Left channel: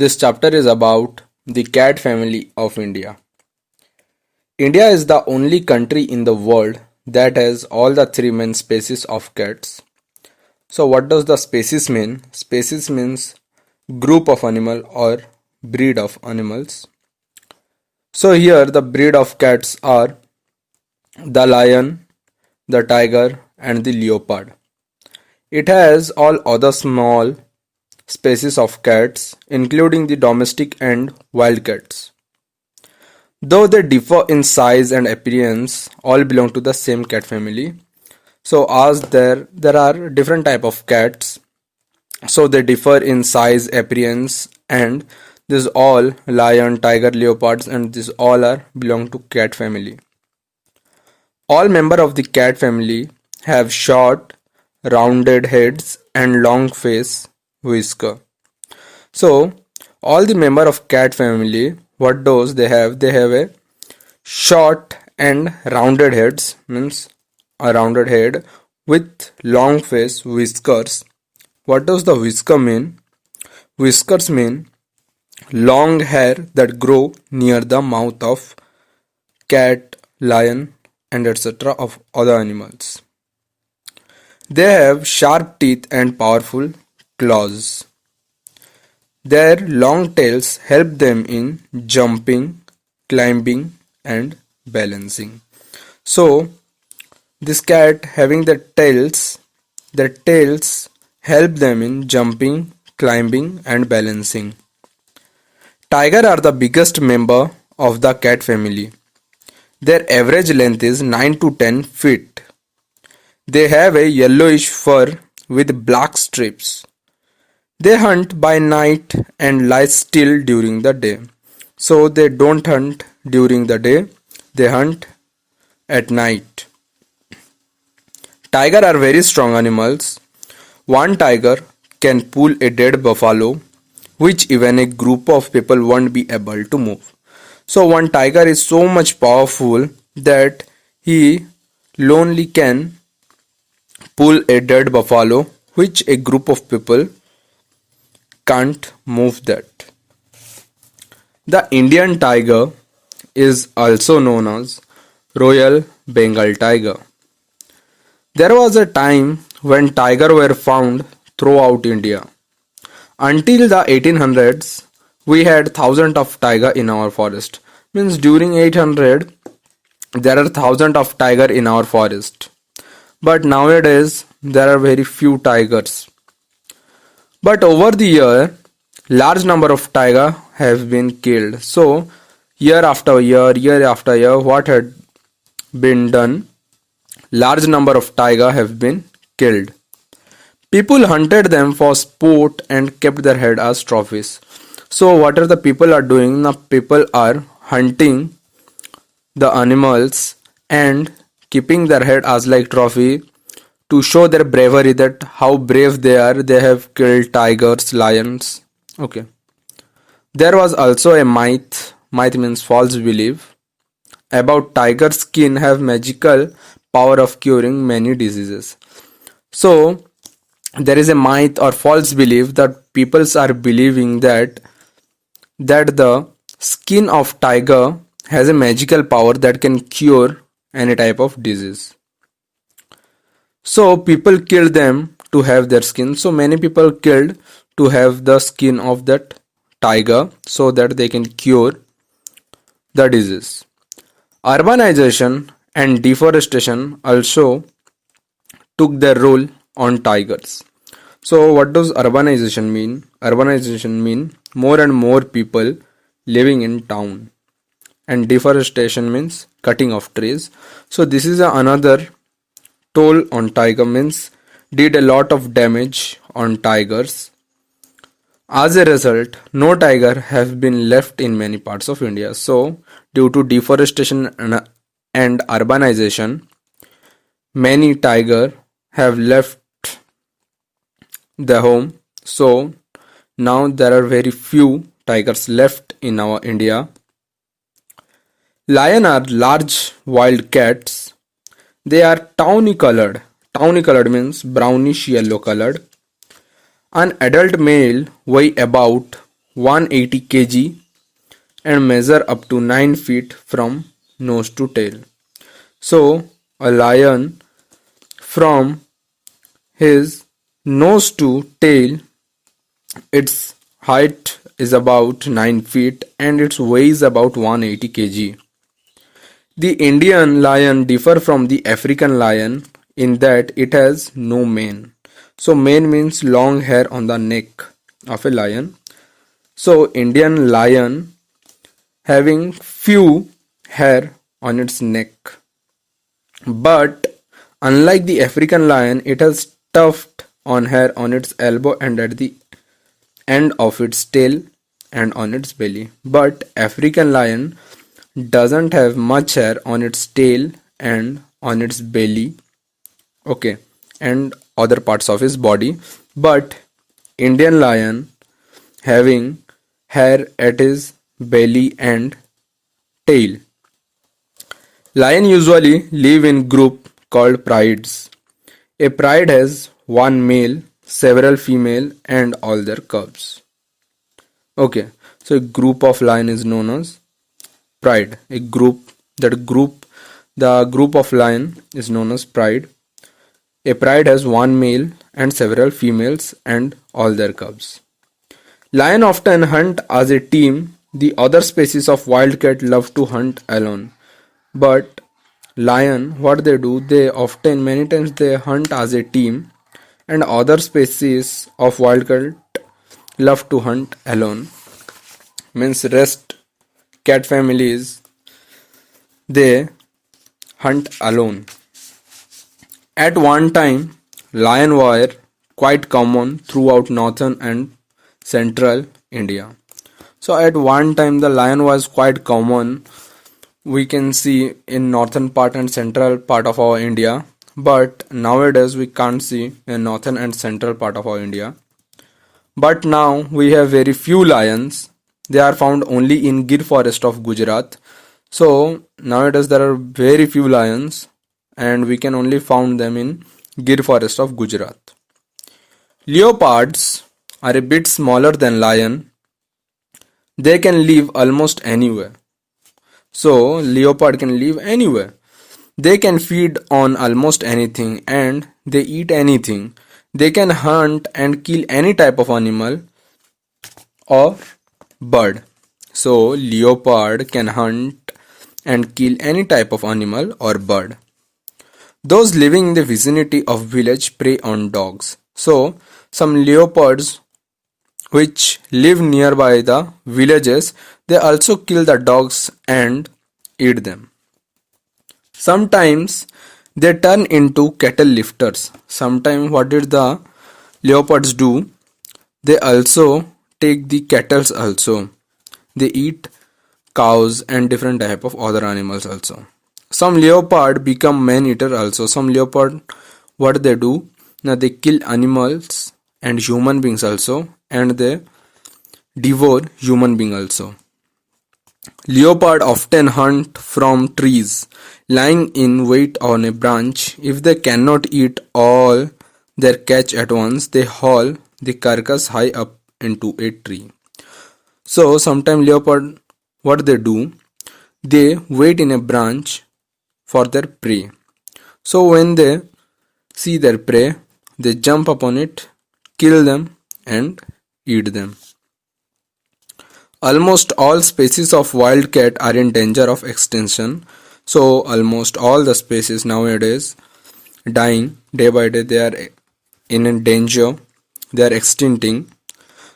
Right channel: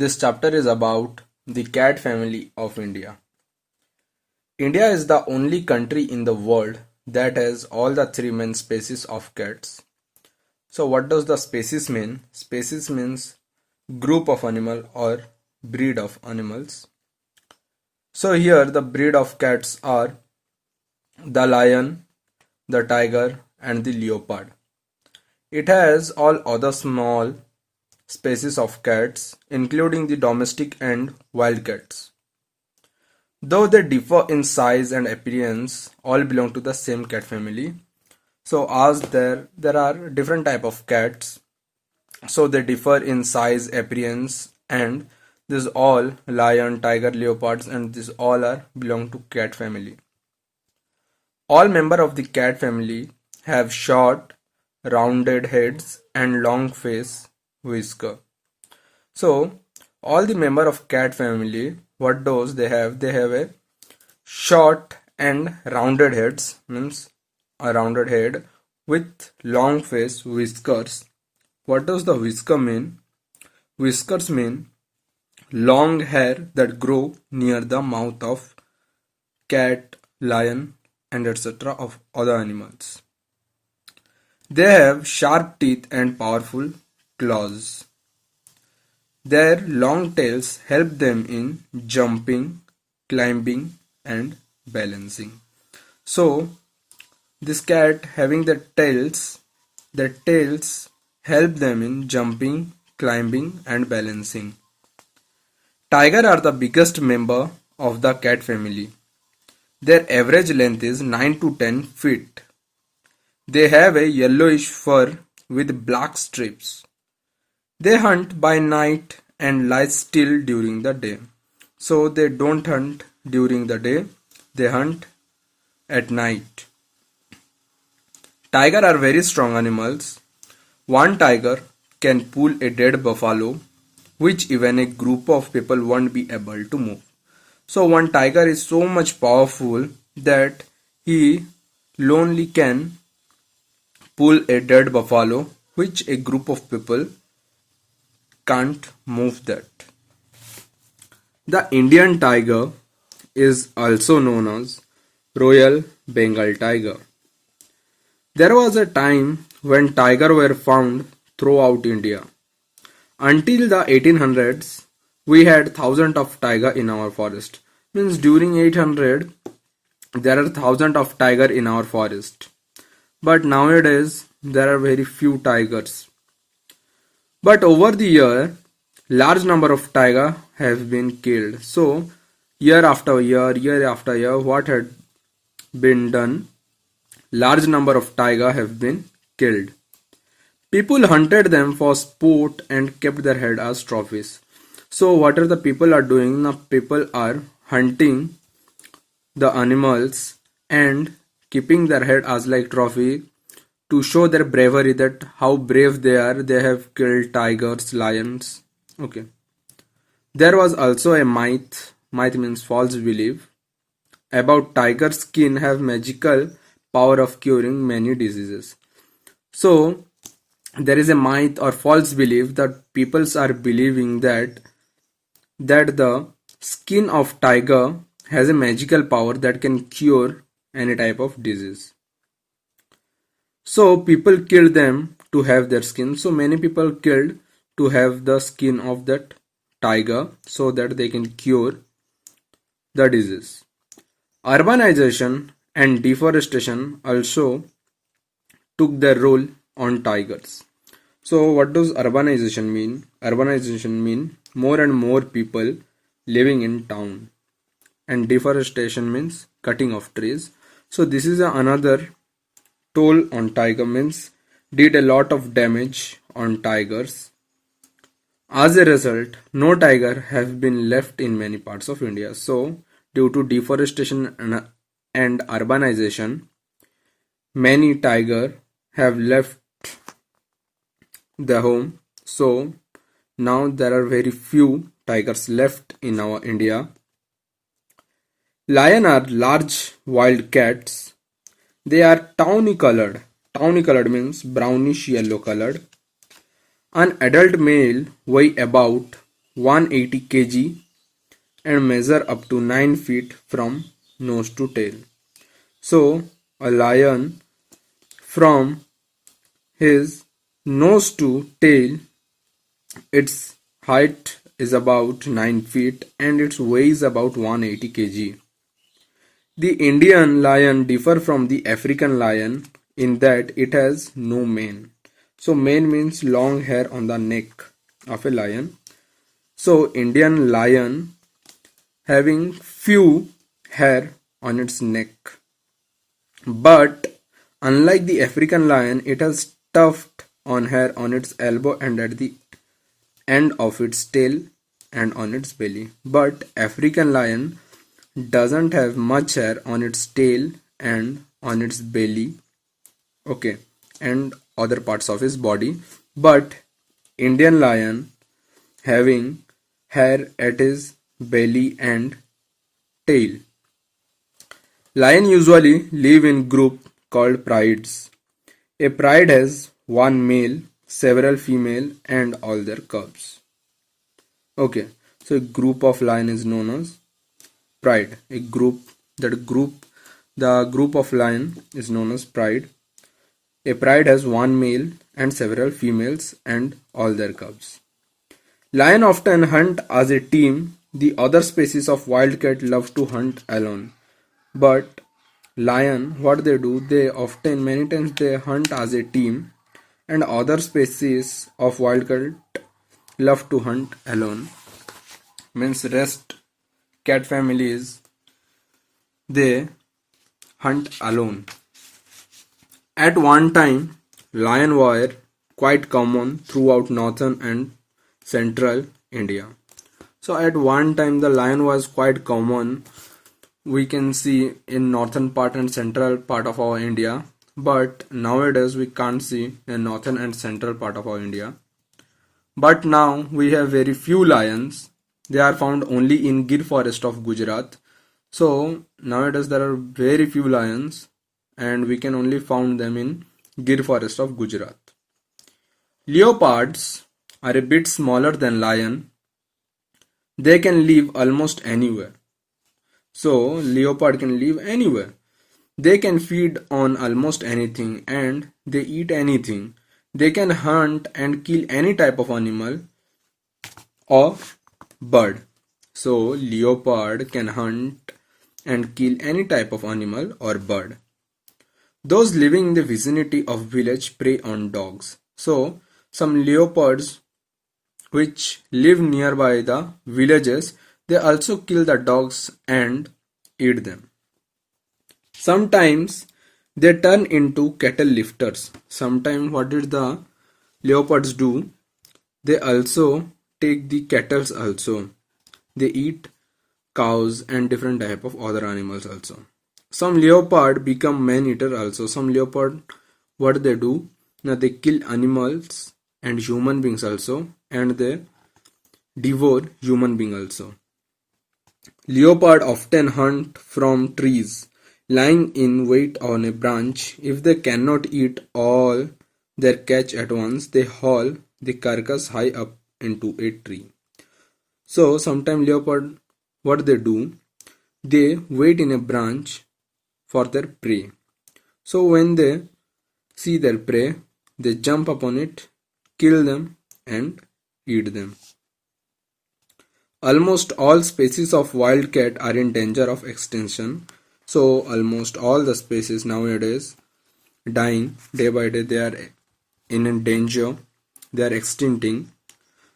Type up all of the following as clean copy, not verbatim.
This chapter is about the cat family of India. India is the only country in the world that has all the three main species of cats. So what does the species mean? Species means group of animal or breed of animals. So here the breed of cats are the lion, the tiger and the leopard. It has all other small species of cats including the domestic and wild cats. Though they differ in size and appearance, all belong to the same cat family. So as there are different type of cats, so they differ in size, appearance, and this all lion, tiger, leopards, and this all are belong to cat family. All member of the cat family have short, rounded heads and long face whisker. So all the member of cat family, what does they have? They have a short and rounded heads, means a rounded head with long face whiskers. What does the whisker mean? Whiskers mean long hair that grow near the mouth of cat, lion, and etc. of other animals. They have sharp teeth and powerful claws. Their long tails help them in jumping, climbing, and balancing. So, this cat having their tails help them in jumping, climbing, and balancing. Tiger are the biggest member of the cat family. Their average length is 9 to 10 feet. They have a yellowish fur with black strips. They hunt by night and lie still during the day. So they don't hunt during the day, they hunt at night. Tiger are very strong animals. One tiger can pull a dead buffalo, which even a group of people won't be able to move. So one tiger is so much powerful that he lonely can pull a dead buffalo, which a group of people can't move that. The Indian tiger is also known as Royal Bengal tiger. There was a time when tigers were found throughout India. Until the 1800s, we had thousands of tigers in our forest. Means during 800, there are thousands of tigers in our forest. But nowadays, there are very few tigers. But over the year, large number of tigers have been killed. So, year after year, what had been done? Large number of tigers have been killed. People hunted them for sport and kept their head as trophies. So what are the people are doing? Now people are hunting the animals and keeping their head as like trophy to show their bravery, that how brave they are. They have killed tigers, lions. Okay. There was also a myth. Myth means false belief about tiger skin have magical power of curing many diseases. So there is a myth or false belief that people are believing that the skin of tiger has a magical power that can cure any type of disease. So people killed them to have their skin. So many people killed to have the skin of that tiger so that they can cure the disease. Urbanization and deforestation also took their role on tigers. So what does urbanization mean? Urbanization mean more and more people living in town, and deforestation means cutting of trees. So this is another toll on tiger, means did a lot of damage on tigers. As a result, no tiger have been left in many parts of India. So due to deforestation and urbanization, many tiger have left the home. So now there are very few tigers left in our India. Lion are large wild cats. They are tawny colored. Tawny colored means brownish yellow colored. An adult male weigh about 180 kg and measure up to 9 feet from nose to tail. So, a lion from his nose to tail, its height is about 9 feet and its weighs about 180 kg. The Indian lion differ from the African lion in that it has no mane. So mane means long hair on the neck of a lion. So Indian lion having few hair on its neck. But unlike the African lion, it has tuft on hair on its elbow and at the end of its tail and on its belly. But African lion doesn't have much hair on its tail and on its belly, okay, and other parts of his body. But Indian lion having hair at his belly and tail. Lion usually live in group called prides. A pride has one male, several female, and all their cubs. Okay, so a group of lion is known as pride. The group of lion is known as pride. A pride has one male and several females and all their cubs. Lion often hunt as a team. The other species of wildcat love to hunt alone. But lion, what they do, many times they hunt as a team, and other species of wildcat love to hunt alone. Means rest cat families, they hunt alone. At one time, lion were quite common throughout northern and central India. So at one time the lion was quite common, we can see in northern part and central part of our India, but nowadays we can't see in northern and central part of our India. But now we have very few lions. They are found only in Gir forest of Gujarat. So nowadays there are very few lions and we can only found them in Gir forest of Gujarat. Leopards are a bit smaller than lion. They can live almost anywhere. So leopard can live anywhere. They can feed on almost anything and they eat anything. They can hunt and kill any type of animal or bird. So leopard can hunt and kill any type of animal or bird. Those living in the vicinity of village prey on dogs. So some leopards which live nearby the villages, they also kill the dogs and eat them. Sometimes they turn into cattle lifters. Sometimes what did the leopards do? They also take the cattle also. They eat cows and different type of other animals also. Some leopard become man eater also. Some leopard, what they do? Now they kill animals and human beings also, and they devour human being also. Leopard often hunt from trees, lying in wait on a branch. If they cannot eat all their catch at once, they haul the carcass high up into a tree. So sometimes leopard, what they do? They wait in a branch for their prey. So when they see their prey, they jump upon it, kill them and eat them. Almost all species of wildcat are in danger of extinction. So almost all the species nowadays dying day by day, they are in danger, they are extincting.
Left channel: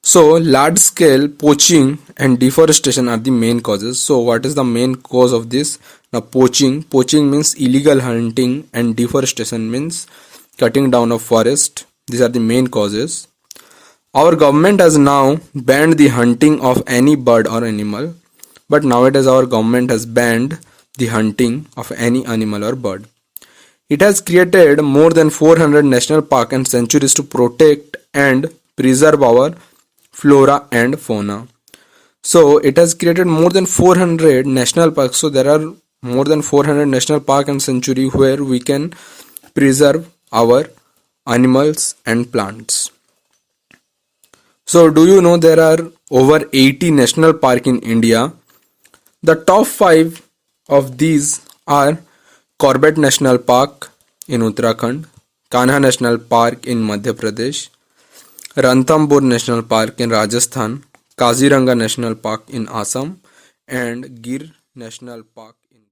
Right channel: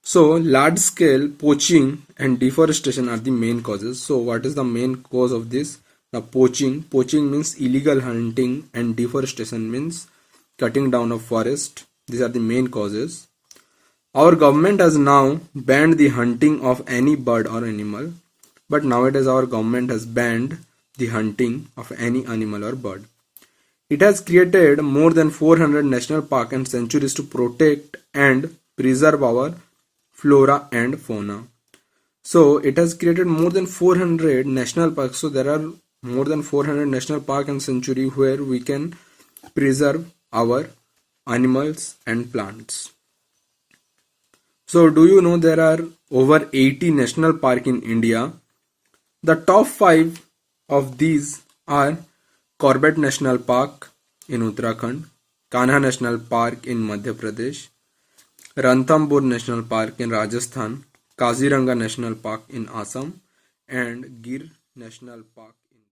So large scale poaching and deforestation are the main causes. So what is the main cause of this? Now poaching means illegal hunting and deforestation means cutting down of forest. These are the main causes. Our government has now banned the hunting of any bird or animal, but nowadays our government has banned the hunting of any animal or bird. It has created more than 400 national parks and sanctuaries to protect and preserve our flora and fauna. So it has created more than 400 national parks. So there are more than 400 national park and sanctuary where we can preserve our animals and plants. So do you know there are over 80 national park in India? The top 5 of these are Corbett National Park in Uttarakhand, Kanha National Park in Madhya Pradesh, Ranthambore National Park in Rajasthan, Kaziranga National Park in Assam, and Gir National Park